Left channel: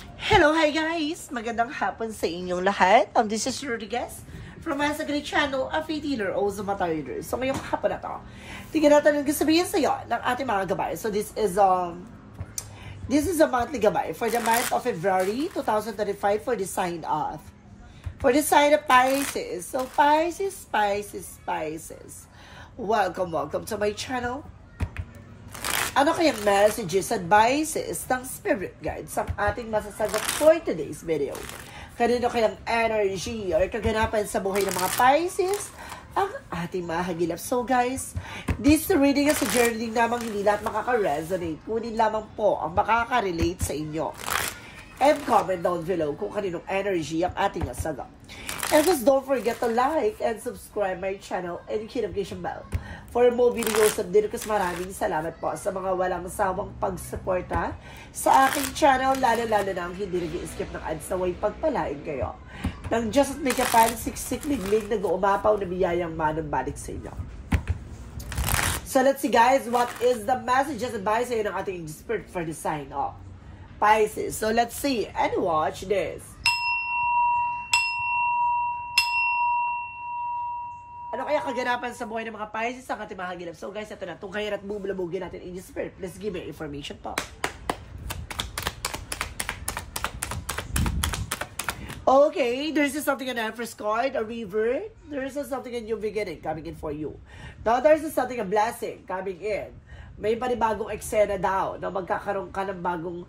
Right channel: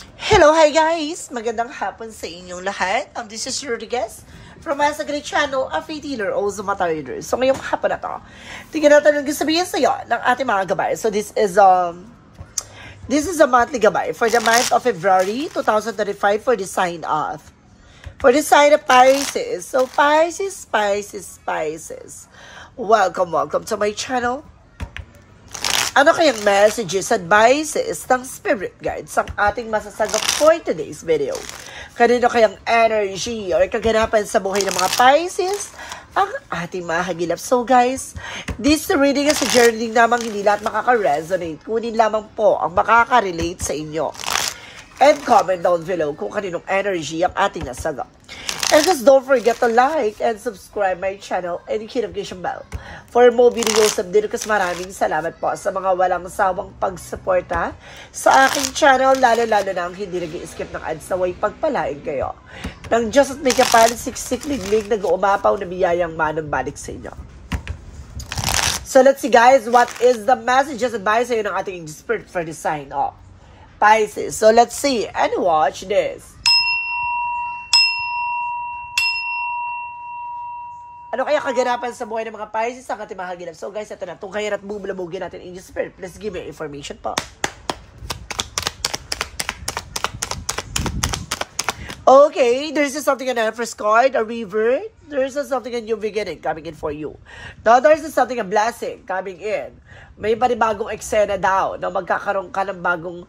Hello, hi guys! Magandang hapon sa inyong lahat. This is Rodriguez from Asa Great Channel, a free dealer o Zumata Reader. So ngayong hapon na to, tingnan natin ang sabihin sa iyo ng ating mga gabay. So this is a monthly gabay for the month of February 2025 for the sign of Pisces. So Pisces. Welcome to my channel. Ano kayang messages, advices ng spirit guides ang ating masasagap for today's video? Kanino kayang energy or kaganapan sa buhay ng mga Pisces ang ating mahagilap? So guys, this reading is a journey namang hindi lahat makaka-resonate. Kunin lamang po ang makaka-relate sa inyo. And comment down below kung kaninong energy ang ating nasagap. And just don't forget to like and subscribe my channel and hit notification bell for more videos update. Kasi maraming salamat po sa mga walang sawang pagsuporta sa aking channel, lalo-lalo na ang hindi nag-i-skip ng ads na way pagpalain kayo ng Diyos at may kapal, siksik, liglig, nag-uumapaw na biyayang manong balik sa inyo. So let's see guys, what is the messages advice sa'yo ng ating spirit for the sign of Pisces. So let's see and watch this. Ano kaya kaganapan sa buhay ng mga Pisces ang ating mahagilap? So guys, ito na. Tungkayan at bubulabugin natin in the spirit. Please give me information po. Okay, there's something on the first card, a river. There's something a new beginning coming in for you. Now, there's something, a blessing coming in. May panibagong eksena daw na magkakaroon ka ng bagong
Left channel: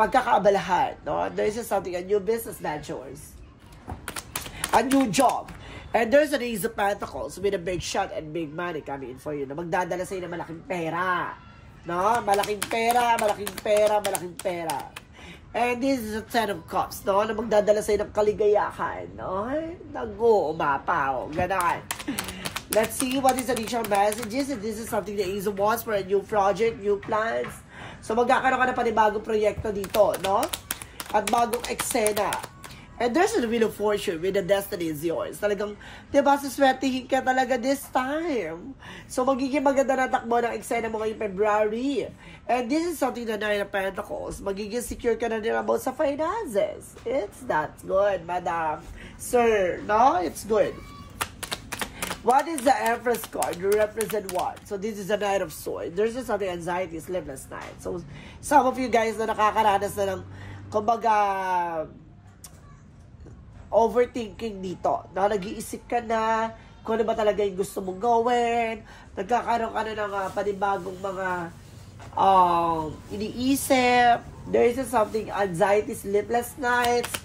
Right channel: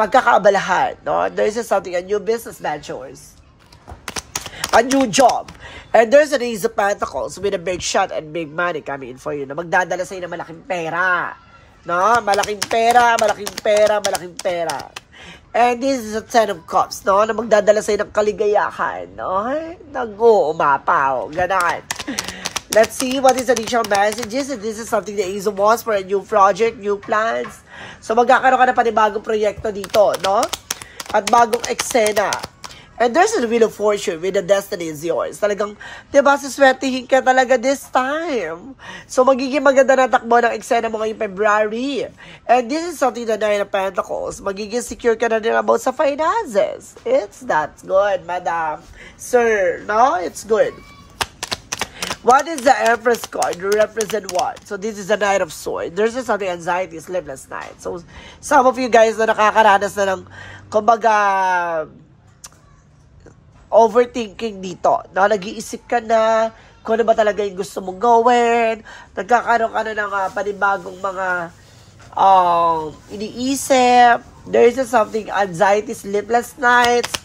pagkakaabalahan. No? There's something, a new business ventures. A new job. And there's an Ace of Pentacles with a big shot and big money coming in for you na magdadala sa inyo ng malaking pera. No? Malaking pera. And this is a Ten of Cups, no? Na magdadala sa inyo ng kaligayahan, no? Nag-uumapaw. Ganon. Let's see what is additional messages. And this is something the Ace of Wands for a new project, new plans. So magkakaroon ka na panibagong proyekto dito, no? At bagong eksena. And there's a Wheel of Fortune with the destiny is yours. Talagang, diba, suswertihin ka talaga this time. So, magiging maganda na takbo ng eksena mo ngayong February. And this is something the Nine of Pentacles. Magiging secure ka na din about sa finances. That's good, madam. Sir, no? It's good. What is the Empress card? You represent what? So, this is the Knight of Swords. There's just something anxiety, sleepless night. So, some of you guys na nakakaranas na ng, kumbaga, overthinking dito. No? Nag-iisip ka na kung ano ba talaga yung gusto mong gawin. Nagkakaroon ka na ng panibagong mga iniisip. There is something, anxiety, sleepless nights,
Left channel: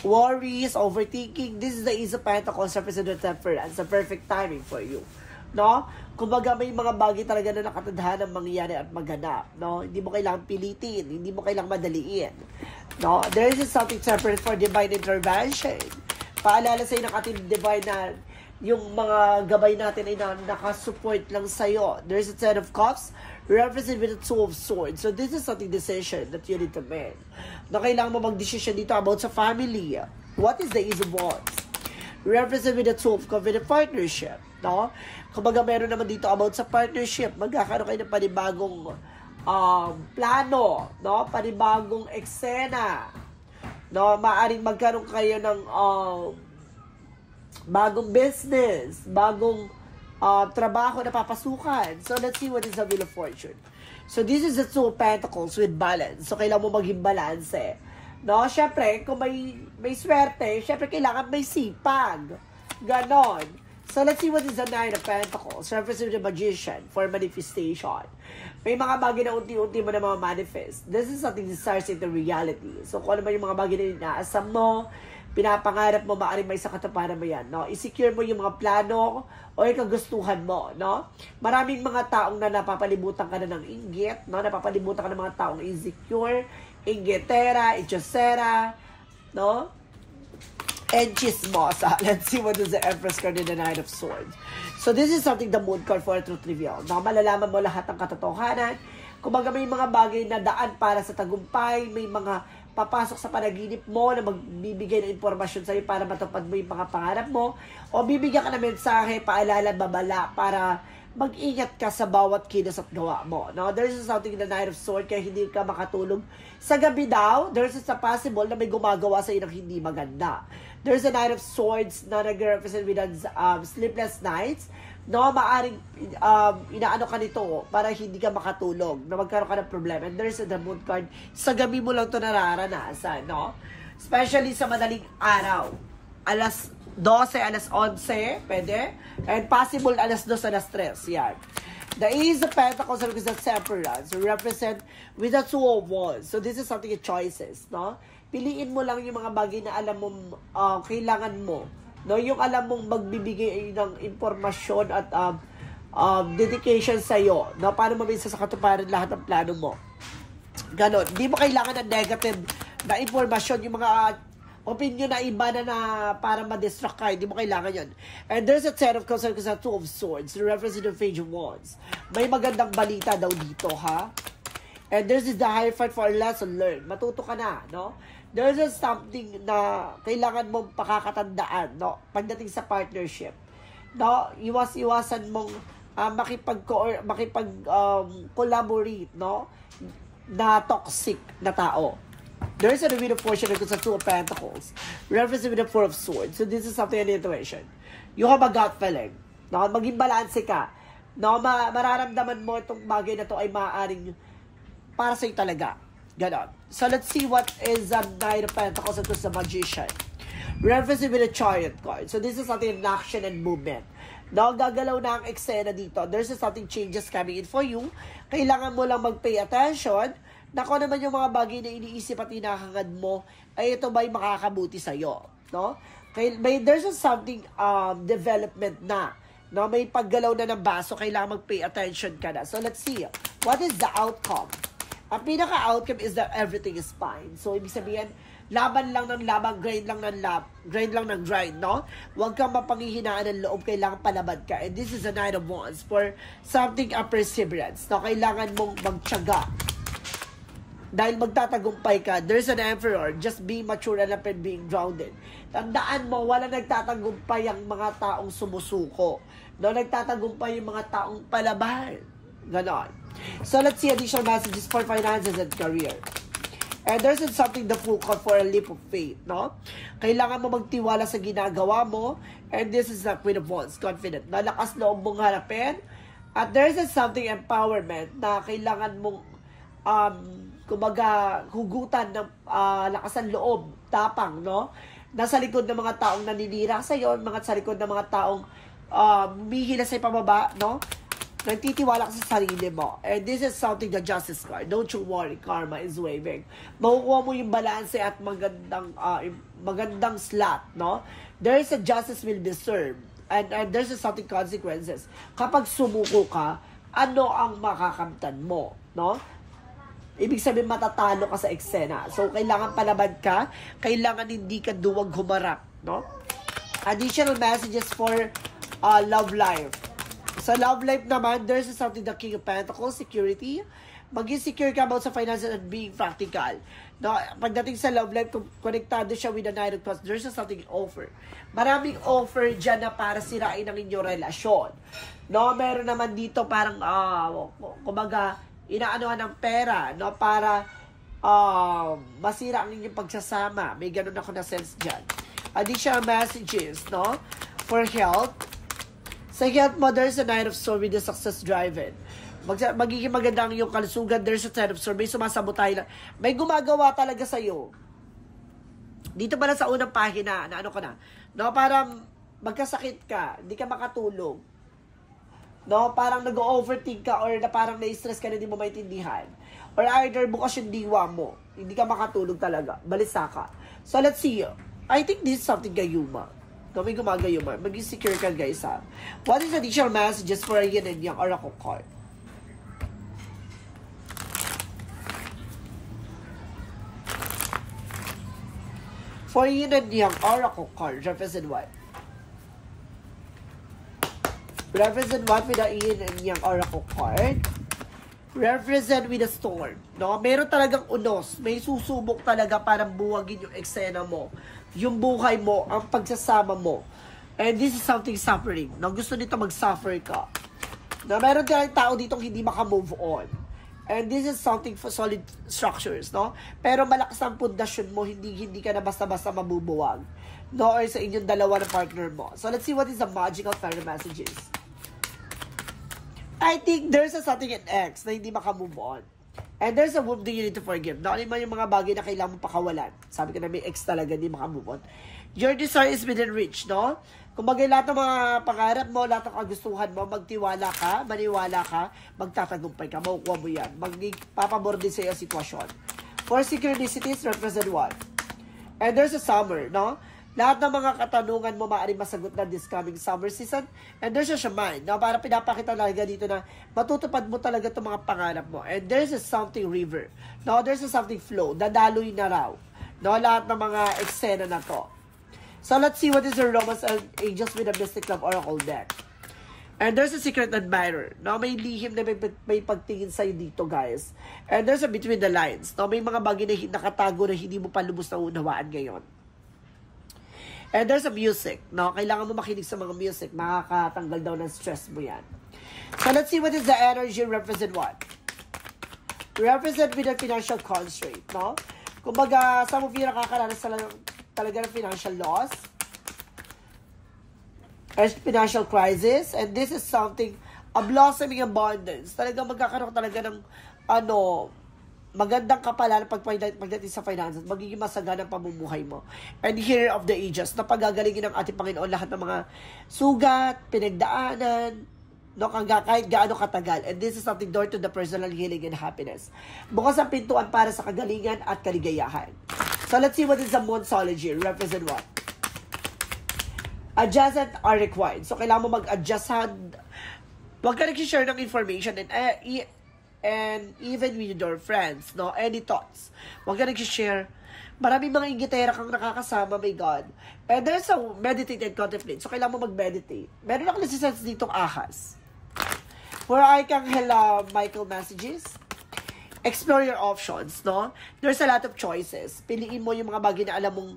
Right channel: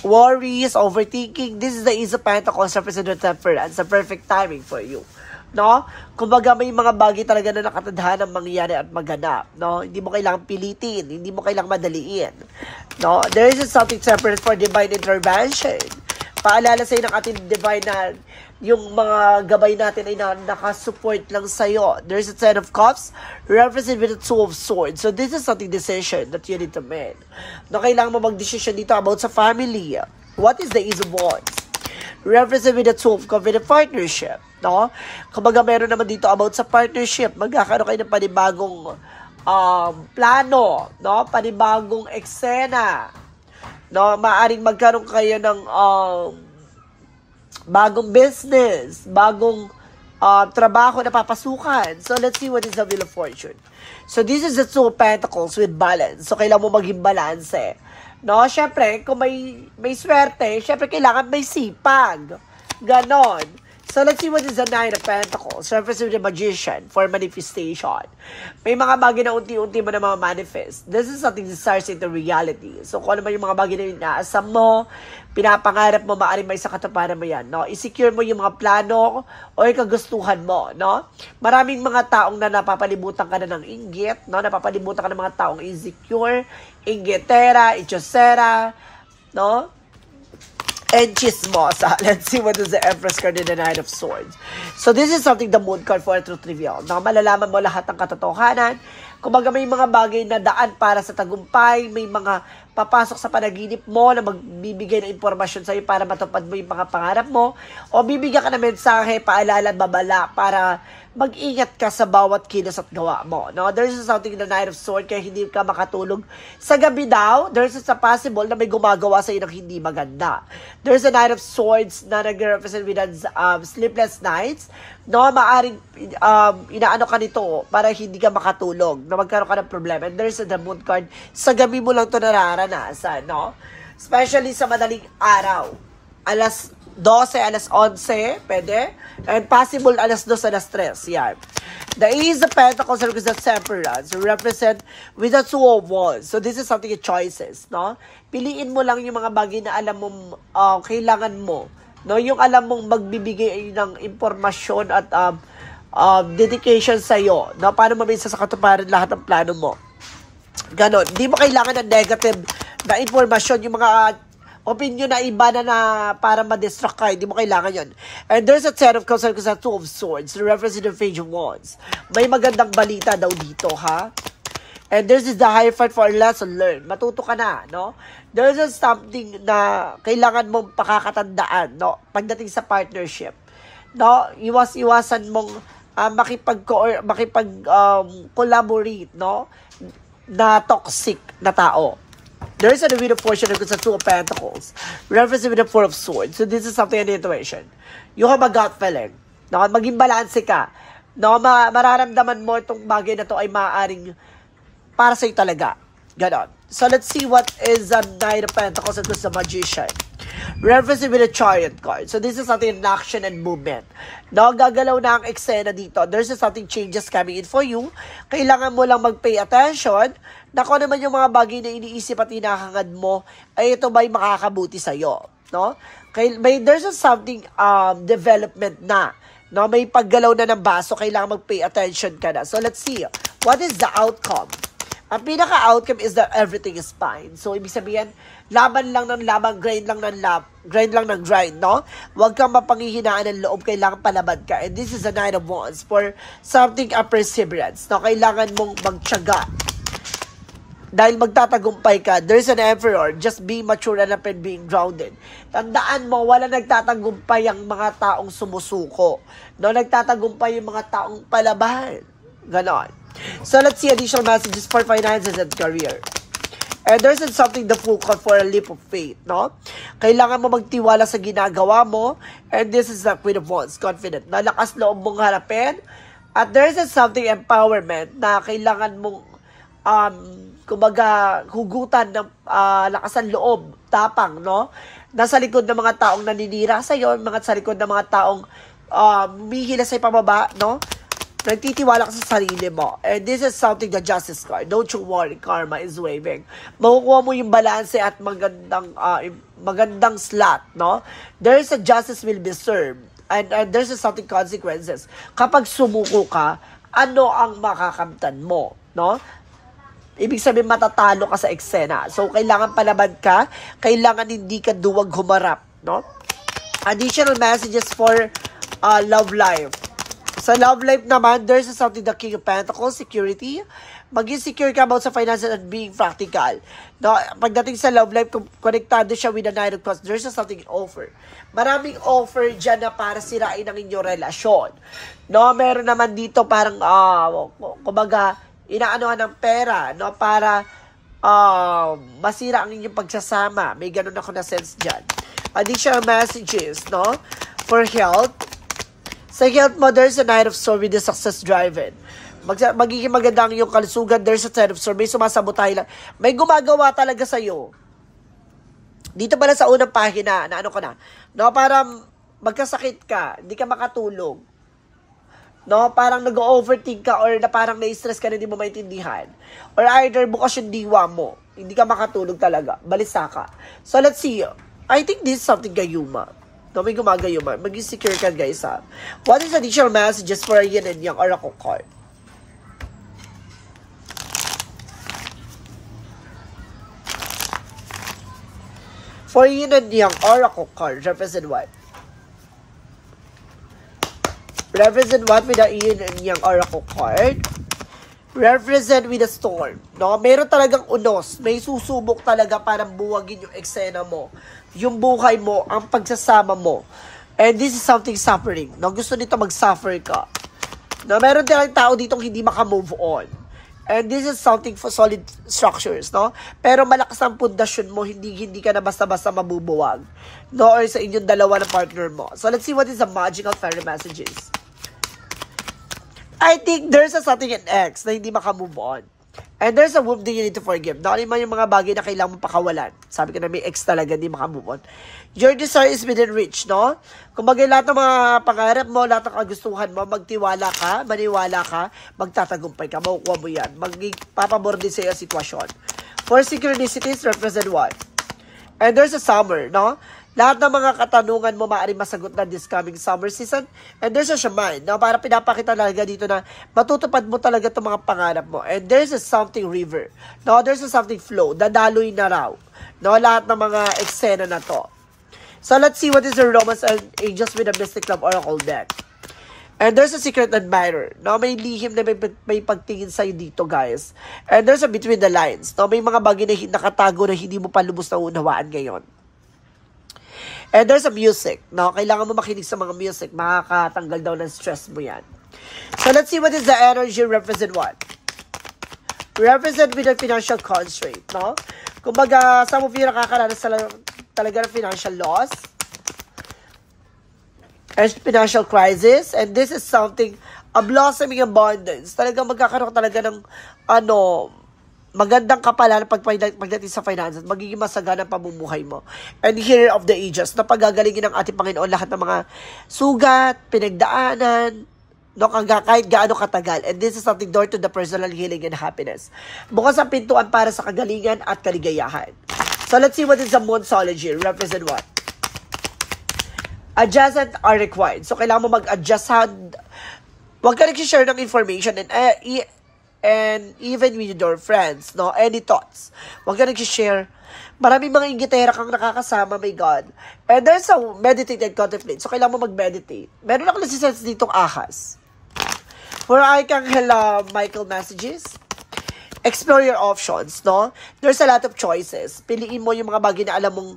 worries, overthinking. This is the Ace of Pentacles, representative temperance. A perfect timing for you. No? Kumbaga may mga bagay talaga na nakatadhanang mangyayari at maganap, no? Hindi mo kailangang pilitin, hindi mo kailangang madaliin. No? There is something separate for divine intervention. Paalala sa iyo ng ating divine na yung mga gabay natin ay nakasupport lang sa iyo. There is a Ten of Cups represented with the Two of Swords. So this is something decision that you need to make. No, kailangan mo mag-decision dito about sa family. What is the Ace of Wands? Represent with the Two of Cups with a partnership. No? Kumbaga meron naman dito about sa partnership. Magkakaroon kayo ng panibagong plano, no? Panibagong eksena. No? Maaring magkaroon kayo ng bagong business, bagong trabaho na papasukan. So let's see what is the Wheel of Fortune. So this is the Two of Pentacles with balance. So kailangan mo maging balance. No? Syempre, kung may swerte, syempre kailangan may sipag. Ganon. So, let's see what is the Nine of Pentacles. Surface of the Magician for manifestation. May mga bagay na unti-unti mo na mga manifest. This is something that starts into reality. So, kung ano man yung mga bagay na inaasam mo, pinapangarap mo, maaaring may sa katuparan mo yan. No? I-secure mo yung mga plano o yung kagustuhan mo. No? Maraming mga taong na napapalibutan ka na ng inggit. No? Napapalibutan ka ng mga taong insecure, inggitera, ichosera, no? And chismosa. Let's see what is the Empress card in the Knight of Swords. So this is something the Moon card for truth reveal. No, malalaman mo lahat ng katotohanan Kumbaga may mga bagay na daan para sa tagumpay, may mga papasok sa panaginip mo na magbibigay ng impormasyon sa'yo para matupad mo yung mga pangarap mo, o bibigyan ka ng mensahe, paalala, babala para mag-ingat ka sa bawat kilos at gawa mo. No? There's something in the Knight of Swords, kaya hindi ka makatulog sa gabi daw. There's a possible na may gumagawa sa iyo ng hindi maganda. There's a Knight of Swords na nag-represent with sleepless nights. No, maaring inaano ka nito para hindi ka makatulog, na magkaroon ka ng problema. And there's the Moon card. Sa gabi mo lang ito nararanasan, no? Especially sa madaling araw. Alas 12, alas 11, pwede. And possible alas 2, alas 3. Yan. The Ace of Pentacles represents Temperance. Represent with the Two of Wands. So this is something choices, no? Piliin mo lang yung mga bagay na alam mo kailangan mo. No, yung alam mong magbibigay ng impormasyon at dedication sa iyo, no, paano mabisa sa katuparan lahat ng plano mo. Ganon. Hindi mo kailangan ng negative na impormasyon, yung mga opinion na iba na para ma-distract ka, hindi mo kailangan yon. And there's a Ten of Cups and a Two of Swords, representing the Page of Wands. May magandang balita daw dito, ha? And there's the Hierophant for a lesson learned. Matuto ka na, no? There's something na kailangan mong pakakatandaan, no? Pagdating sa partnership, no? Iwasan mong collaborate, no? Na toxic na tao. There's a Wheel of Fortune and a Two of Pentacles, representing the Four of Swords. So this is something in the intuition. You have a gut feeling, no? Maging balanse ka, no? Mararamdaman mo itong bagay na to ay maaaring para sa'yo talaga. Ganon. So, let's see what is the Knight of Pentacles and the Magician. Referencing with a Chariot card. So, this is something in action and movement. No, gagalaw na ang eksena dito. There's something changes coming in for you. Kailangan mo lang mag-pay attention na kung naman yung mga bagay na iniisip at hinahangad mo, ay ito ba'y makakabuti sa'yo. No? There's something development na. No, may paggalaw na ng baso, kailangan mag-pay attention ka na. So, let's see. What is the outcome? Ang pinaka-outcome is that everything is fine. So, ibig sabihin, laban lang ng laban, grind lang ng grind, no? Huwag kang mapanghihinaan ng loob, kailangan palaban ka. And this is a Nine of Wands for something of perseverance. No? Kailangan mong magtiyaga. Dahil magtatagumpay ka, there's an Emperor, just being mature and being grounded. Tandaan mo, wala nagtatagumpay ang mga taong sumusuko. No? Nagtatagumpay yung mga taong palaban. Ganon. So, let's see additional messages for finances and career. And there's something the full call for a leap of faith, no? Kailangan mo magtiwala sa ginagawa mo. And this is the Queen of Wands, confident. Nalakas loob mong harapin. At there's something empowerment na kailangan mong kumbaga, hugutan ng lakasan loob, tapang, no? Nasa likod ng mga taong naninira sa'yo, sa likod ng mga taong mihila sa'yo pababa, no? Nagtitiwala ka sa sarili mo. And this is something, the Justice card. Don't you worry, karma is waving. Makukuha mo yung balanse at magandang slot, no? There is a justice will be served. And there's something consequences. Kapag sumuko ka, ano ang makakamtan mo, no? Ibig sabihin, matatalo ka sa eksena. So, kailangan palaban ka. Kailangan hindi ka duwag humarap, no? Additional messages for love life. Sa love life naman, there's something the King of Pentacles, security. Maging secure ka about sa finances and being practical. No, pagdating sa love life, kung konektado siya with the Nine of Cups, there's something offer. Maraming offer dyan na para sirain ang inyong relasyon. No, meron naman dito parang, kumbaga, inaanohan ng pera, no, para masira ang inyong pagsasama. May ganun ako na sense dyan. Additional messages, no, for health. Sa health mo, there's a Knight of Swords with the success driven. Magiging maganda ang iyong kalusugan. There's a Ten of Swords. May sumasabotay lang. May gumagawa talaga sa'yo. Dito pala sa unang pahina, na ano ka na, no, parang magkasakit ka, hindi ka makatulog. No, parang nag-overthink ka or na parang na-stress ka na hindi mo maintindihan. Or either bukas yung diwa mo. Hindi ka makatulog talaga. Balisa ka. So, let's see. I think this is something gayuma. No, may gumagayuma. Maging secure ka, guys, ha. What is additional messages for a yin and yang oracle card? For yin and yang oracle card, represent what? Represent what with the yin and yang oracle card? represent with a storm. No? Meron talagang unos. May susubok talaga para buwagin yung eksena mo. Yung buhay mo, ang pagsasama mo. And this is something suffering. No? Gusto nito mag-suffer ka. No? Meron talagang tao dito hindi maka-move on. And this is something for solid structures. No? Pero malakas ang pundasyon mo, hindi ka na basta-basta mabubuwag. No? Or sa inyong dalawa na partner mo. So let's see what is the magical fairy messages. I think there's a something in X na hindi makamove on. And there's a wound that you need to forgive. Not only yung mga bagay na kailangan mo pakawalan. Sabi ko na may X talaga, hindi makamove on. Your desire is within reach, no? Kung bagay lahat ng mga pangarap mo, lahat ng kagustuhan mo, magtiwala ka, maniwala ka, magtatagumpay ka, makukuha mo yan. Magpapabor din sa iyo sitwasyon. For synchronicities, represent what? And there's a summer, no? Lahat ng mga katanungan mo maaaring masagot na this coming summer season. And there's a shaman, no? Para pinapakita talaga dito na matutupad mo talaga itong mga pangarap mo. And there's a something river. No? There's a something flow. Dadaloy na raw. No? Lahat ng mga eksena na to. So let's see what is the romance and angels with a Mystic Love Oracle deck. And there's a secret admirer. No? May lihim na may pagtingin sa'yo dito, guys. And there's a between the lines. No? May mga bagay na nakatago na hindi mo pa lubos na unawaan ngayon. And there's a music, no? Kailangan mo makinig sa mga music. Makakatanggal daw ng stress mo yan. So, let's see what is the energy represent what? Represent with a financial constraint, no? Kumbaga, some of you nakakaranas talaga ng financial loss. And financial crisis. And this is something, a blossoming abundance. Talagang magkakaroon talaga ng, magandang kapalan pagdating sa finances, magiging masagana ang pamumuhay mo. And here of the ages, na pagagalingin ng ating Panginoon lahat ng mga sugat, pinagdaanan, no, kahit gaano katagal. And this is something door to the personal healing and happiness. Bukas ang pintuan para sa kagalingan at kaligayahan. So let's see what is the Moonsology. Represent what? Adjustment are required. So kailangan mo mag-adjust. Huwag ka nag-share ng information and even with your friends, no? Any thoughts. Huwag ka nag-share. Maraming mga inggitera kang nakakasama, my God. And there's a meditate and contemplate. So, kailangan mo mag-meditate. Meron ako nasisense ditong ahas. For Archangel Michael messages, explore your options, no? There's a lot of choices. Piliin mo yung mga bagay na alam mong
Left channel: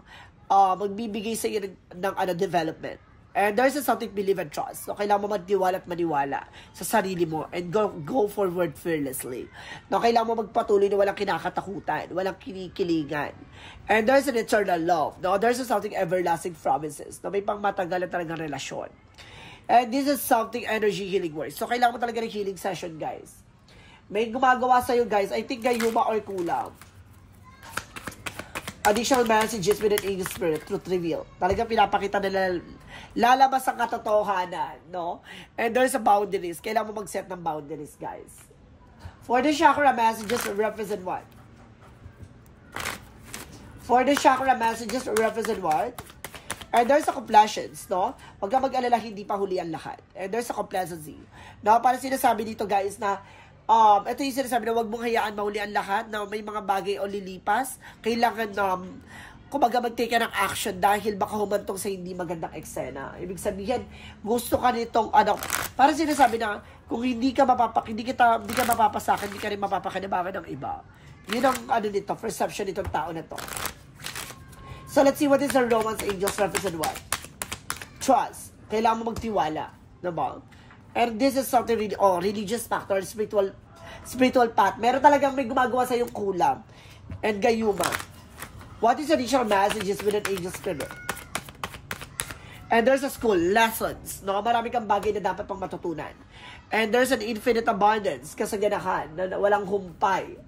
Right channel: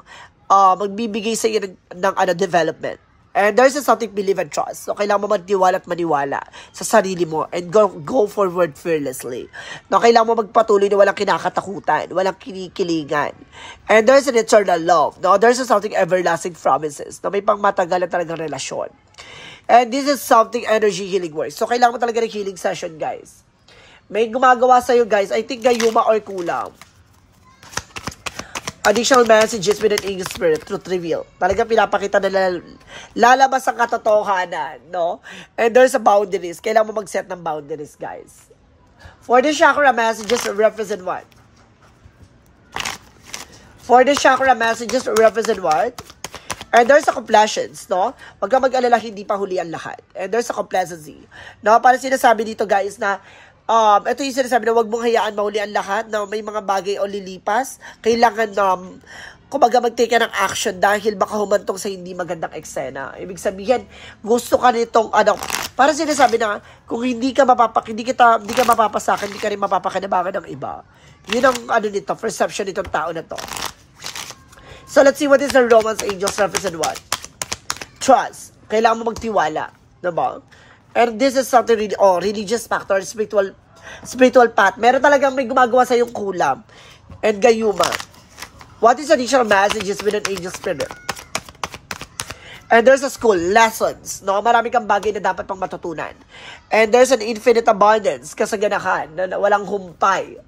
magbibigay sa iyo ng development. And there's something believe and trust. So, kailangan mo magtiwala at maniwala sa sarili mo and go forward fearlessly. No, kailangan mo magpatuloy na walang kinakatakutan, walang kinikilingan. And there's an eternal love. No, there's something everlasting promises. No, may pang matagal na talagang relasyon. And this is something energy healing works. So, kailangan mo talaga ng healing session, guys. May gumagawa sa'yo, guys. I think gayuma or kulam. Additional messages with an angel spirit, truth reveal. Talaga pinapakita na lalabas ang katotohanan, no? And there's a boundaries. Kailangan mo mag-set ng boundaries, guys. For the chakra messages, represent what? For the chakra messages, represent what? And there's a complaisance, no? Huwag ka mag-alala, hindi pa huli ang lahat. And there's a complacency. No? Para sinasabi dito, guys, na ito yung sinasabi na huwag mong hayaan mahuli ang lahat na may mga bagay o lilipas. Kailangan kumbaga mag-take ka ng action dahil baka humantong sa hindi magandang eksena. Ibig sabihin, gusto ka nitong para sinasabi na kung hindi ka mapapasakin, hindi ka rin mapapakinabangan ng iba. Yun ang nito, perception nitong tao na to. So let's see what is the romance angels represent what? Trust. Kailangan mo magtiwala. Diba? And this is something religious factor, spiritual path. Meron talagang may gumagawa sa yung kulam. And gayuma. What is additional messages with an angel spirit? And there's a school, lessons. No? Marami kang bagay na dapat pang matutunan. And there's an infinite abundance, kasaganahan, na walang humpay.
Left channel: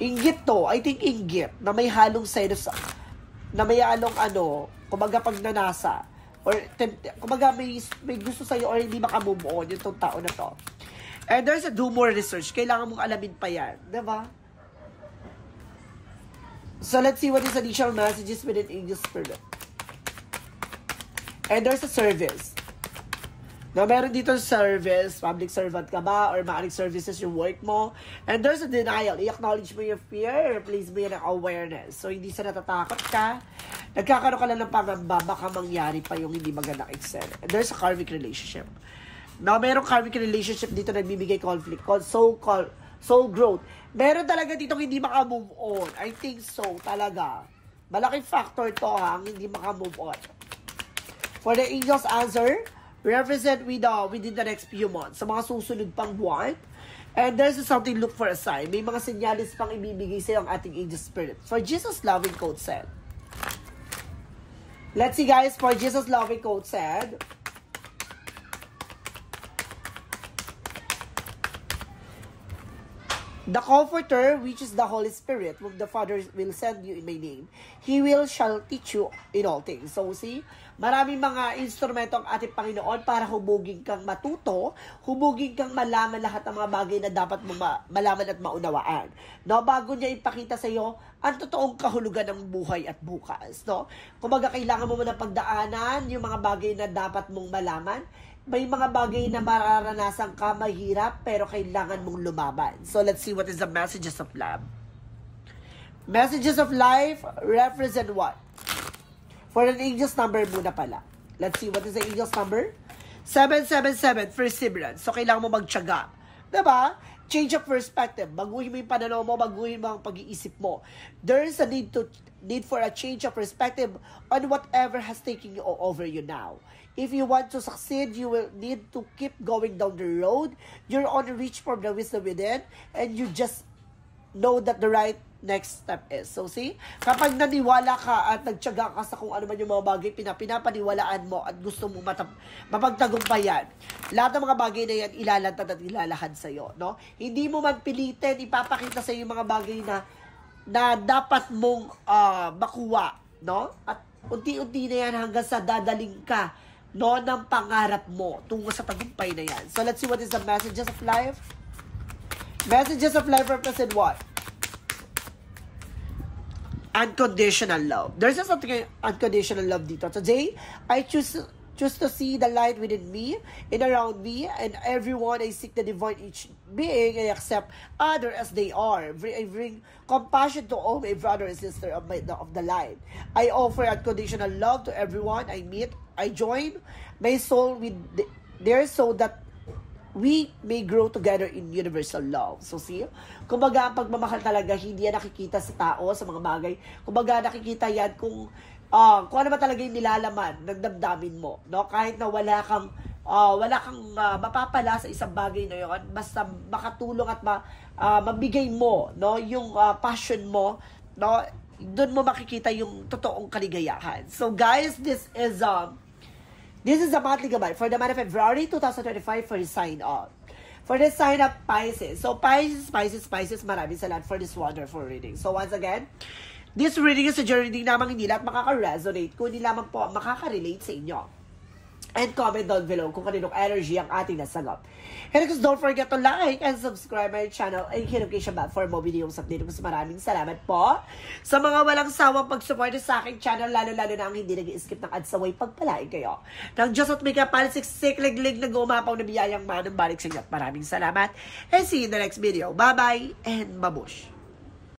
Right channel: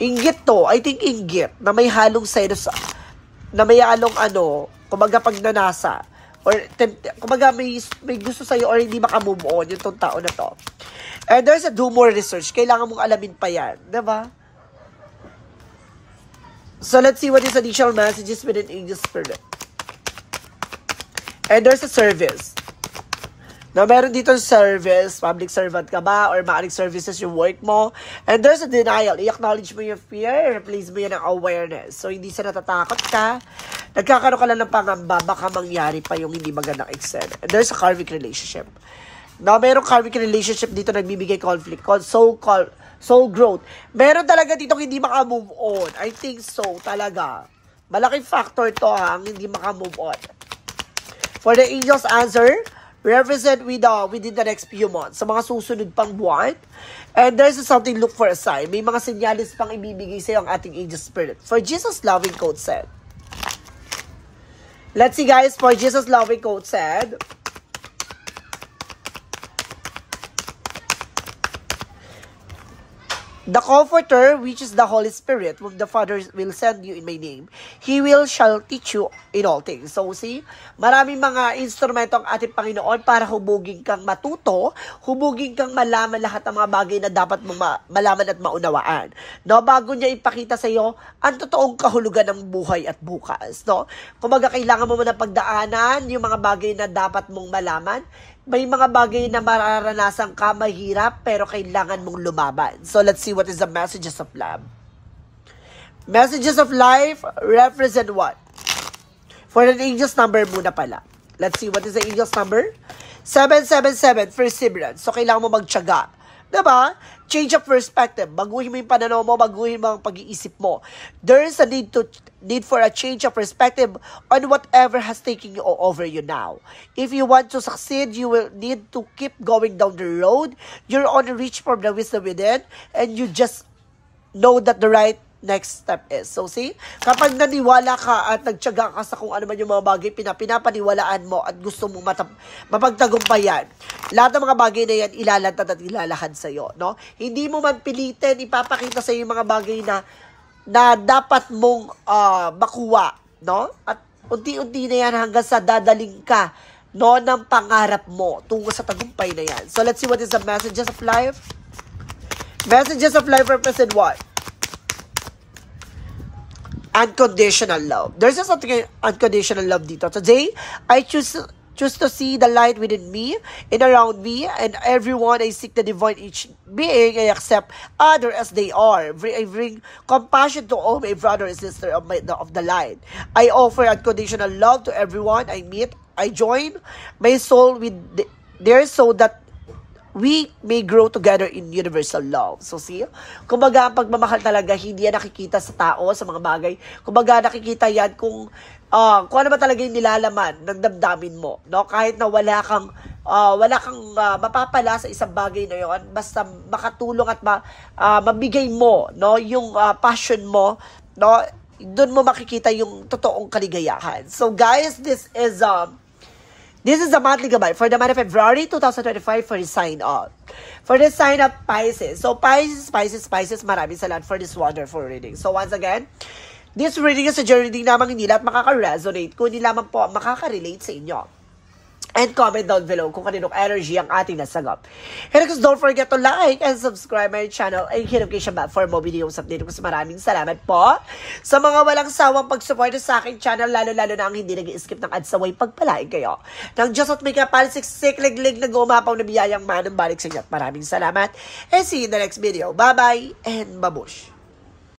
Inggit to. I think inggit, na may halong selos, na may halong kumbaga pagnanasa. Or, kumbaga, may gusto sa'yo or hindi makamove on yung tao na to. And there's a do more research. Kailangan mong alamin pa yan. Diba? So, let's see what is additional messages with an angel spirit. And there's a service. Na meron dito service, public servant ka ba, or maaring services yung work mo. And there's a denial. I-acknowledge mo yung fear, replace mo yan ng awareness. So, hindi sa natatakot ka. Nagkakaroon ka lang ng pangamba, baka mangyari pa yung hindi magandang eksena. And there's a karmic relationship. No, merong karmic relationship dito na nagbibigay conflict, soul growth. Meron talaga dito hindi maka-move on. I think so, talaga. Malaking factor to ang hindi maka-move on. For the angel's answer, represent within the next few months, sa mga susunod pang buwan. And there's something, look for a sign. May mga senyalis pang ibibigay sa'yo ang ating angel spirit. For Jesus' loving code said. Let's see guys, for Jesus' loving code said. The Comforter, which is the Holy Spirit, whom the Father will send you in my name, He shall teach you in all things. So see, maraming mga instrumento ang ating Panginoon para hubugin kang matuto, hubugin kang malaman lahat ng mga bagay na dapat mong malaman at maunawaan. No, bago niya ipakita sa iyo ang totoong kahulugan ng buhay at bukas. No, kumaga kailangan mo muna pagdaanan yung mga bagay na dapat mong malaman. May mga bagay na mararanasan ka mahirap pero kailangan mong lumaban. So let's see what is the messages of love. Messages of life represent what? For an angel's number muna pala. Let's see what is the angel's number. 777, perseverance. So kailangan mo magtiyaga. Diba? Change of perspective. Baguhin mo yung pananaw mo, baguhin mo ang pag-iisip mo. There is a need for a change of perspective on whatever has taken you over you now. If you want to succeed, you will need to keep going down the road. You're on a reach from the wisdom within, and you just know that the right next step is. So see, kapag naniwala ka at nagtiyaga ka sa kung ano man yung mga bagay pinapaniwalaan mo at gusto mong mapagtagumpayan, lahat ng mga bagay na yan ilalantad at ilalahad sa'yo, no? Hindi mo man pilitin, ipapakita sa'yo yung mga bagay na dapat mong makuha, no? At unti-unti na yan hanggang sa dadaling ka, no, ng pangarap mo tungo sa tagumpay na yan. So let's see what is the messages of life. Messages of life represent what? Unconditional love. There's just something unconditional love dito. Today, I choose to see the light within me and around me and everyone. I seek the divine each being. I accept others as they are. I bring compassion to all my brother and sister of the light. I offer unconditional love to everyone I meet. I join my soul with theirs so that we may grow together in universal love. So see, kumbaga ang pagmamahal talaga hindi yan nakikita sa tao, sa mga bagay. Kumbaga nakikita yan kung ano ba talaga yung nilalaman ng damdamin mo, no? Kahit na wala kang mapapala sa isang bagay na yon, basta makatulong at mabigay mo, no, yung passion mo, no, doon mo makikita yung totoong kaligayahan. So guys, this is the monthly gabay for the month of February 2025 for the sign up. For the sign up Pisces. So Pisces, maraming salamat for this wonderful reading. So once again, this reading is a reading namang hindi lahat makaka-resonate, kundi lamang po makaka-relate sa inyo. And comment down below kung kaninong energy ang ating nasagap. And of don't forget to like and subscribe my channel and hit notification bell for more videos update ko. Maraming salamat po sa mga walang sawang pag-support sa aking channel, lalo-lalo na ang hindi nag-skip ng ads, saway pagpalain kayo. Nang Diyos at may kapalsiksik, liglig na gumapaw na biyayang manang balik sa inyo. Maraming salamat and see you in the next video. Bye-bye and babush!